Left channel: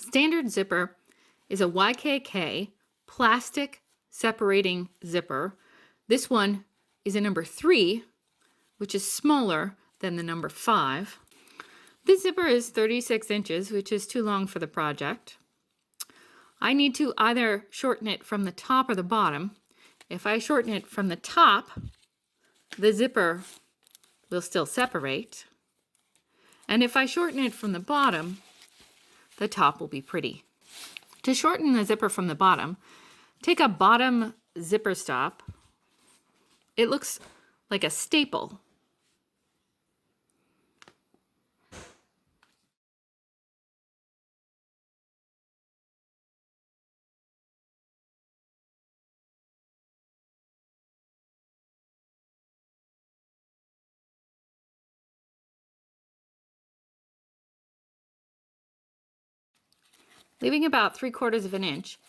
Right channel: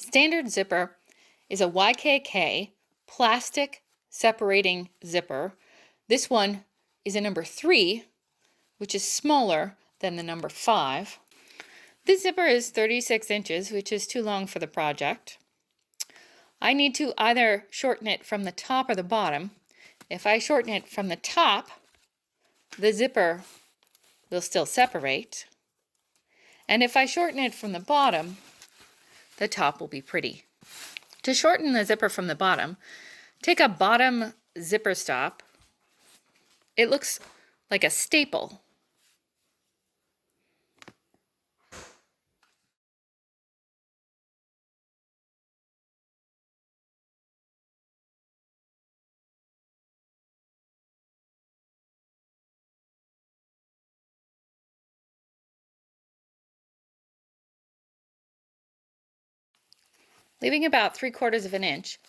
Standard zipper is a YKK plastic separating zipper. This one is a number 3, which is smaller than the number 5. This zipper is 36 inches, which is too long for the project. I need to either shorten it from the top or the bottom. If I shorten it from the top, the zipper will still separate. And if I shorten it from the bottom, the top will be pretty. To shorten the zipper from the bottom, take a bottom zipper stop. It looks like a staple. Leaving about 3/4 of an inch,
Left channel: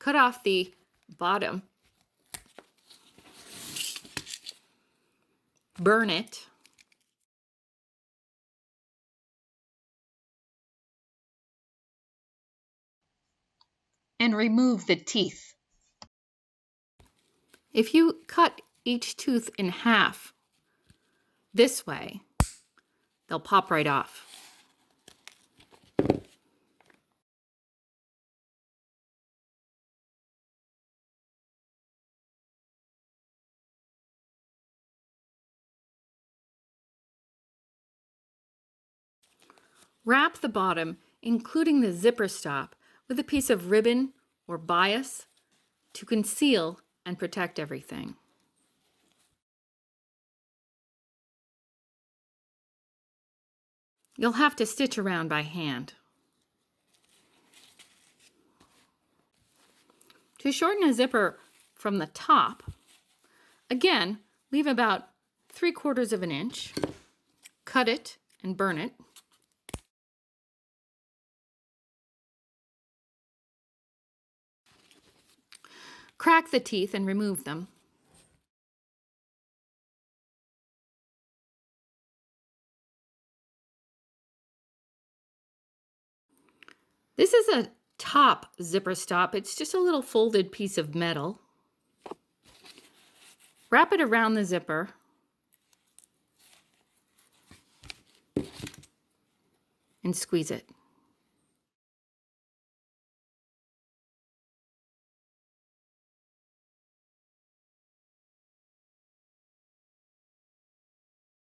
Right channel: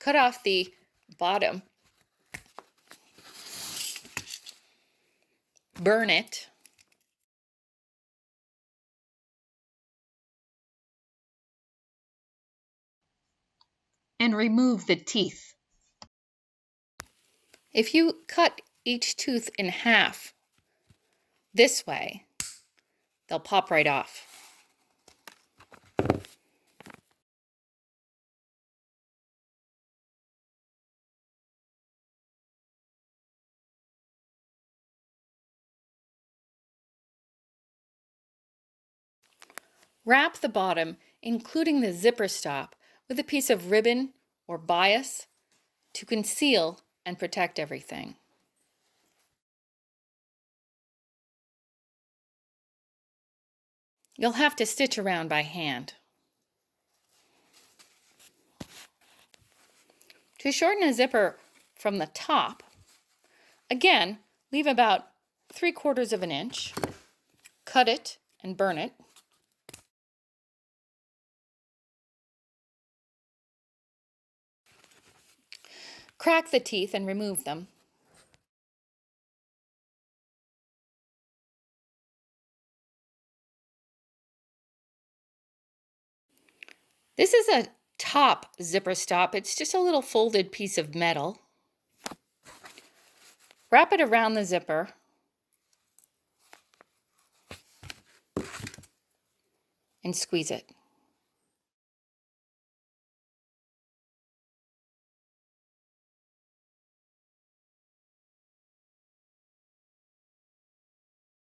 cut off the bottom, burn it, and remove the teeth. If you cut each tooth in half this way, they'll pop right off. Wrap the bottom, including the zipper stop, with a piece of ribbon or bias to conceal and protect everything. You'll have to stitch around by hand. To shorten a zipper from the top, again, leave about 3/4 of an inch, cut it and burn it. Crack the teeth and remove them. This is a top zipper stop. It's just a little folded piece of metal. Wrap it around the zipper and squeeze it.